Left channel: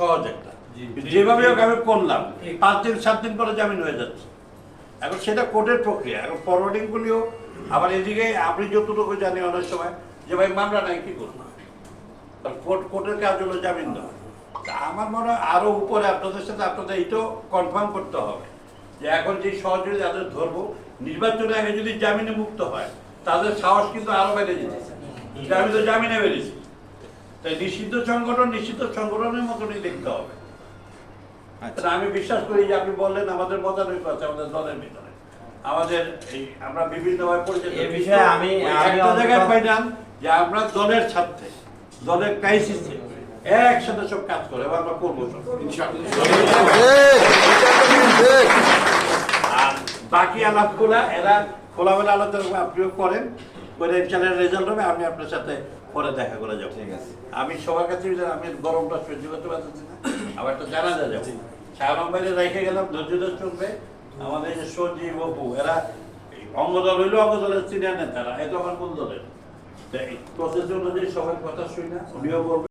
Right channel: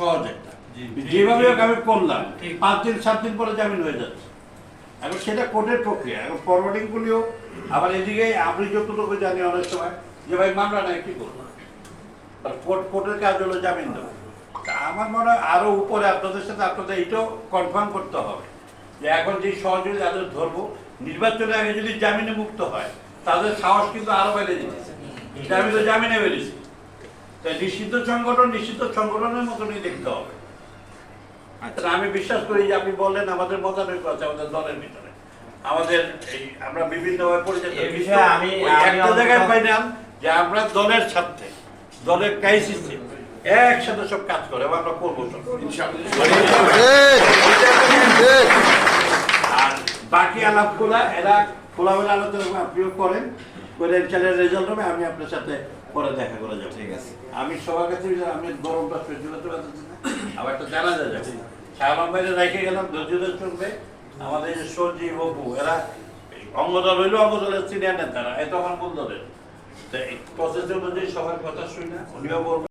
সহজ একটা। যেভাবে হোক আমি করলাম। পাঁচ দিন সাত দিন পরে জামিন হয়ে যাচ্ছে। এখন সেটা কোর্টের প্রক্রিয়া। এখন ফরওয়ার্ডিং গুলিও আবার এদিকে আপনি যতটুকু জানি অনেক সময় যে ভাই মামলা নাই কি করব? কোর্ট কোর্টের কাজ হলো জামিন দেওয়া। তা আমার মনে হয় আরও উপরে আপনাদের সাথে আপনাদের এইটাও কনফার্ম করতে হবে যে এখন যে সহযোগী যাদের ধরবো নির্বাচনের আগে যদি জামিনে মুক্ত হয় তাদের সাহস কিন্তু আরও বেড়ে যেতেছে আমি তো জামিনে বেরিয়েছি। তাই নিষিদ্ধ সংগঠন নিষিদ্ধ সংগঠনের মতনই দেখতে হবে। তা আমি বিশ্বাস করি যে আপনি বললেন আমাদের মতানৈক্য আছে আমাদের দলের ভিতরে। আমাদের এই আমরা বিভিন্নভাবে পরিচিত। আমি- একটা জায়গায় পাইলাম যে আমরা দলের স্বার্থে দলের ক্রাইসিসে একসাথে সব কাজ করে এবং আমরা করব সব আর বাকি আলাপগুলা এরা খোলামেলা আলোচনা আপনিও করেন। করে রেজাল্ট হবে আমি আপনার সাথে পরে দেখা করা যাব। ঠিক আছে। আমি সবার কাছে আমি গরমটা সহ্য করতে পারতেছি না। আবার একটা জানা যাবে শাহরাম বাইরে রেখে গেলাম ধৈর্য চলবে। আমাদের যে সঞ্জীব অপু এরা অঙ্গদল হইল অঙ্গদলের সিনিয়র নেতারা এত আমার কোন দলের তো প্রসেস অনুযায়ী সবার কথা শুই না উনিও বলবেন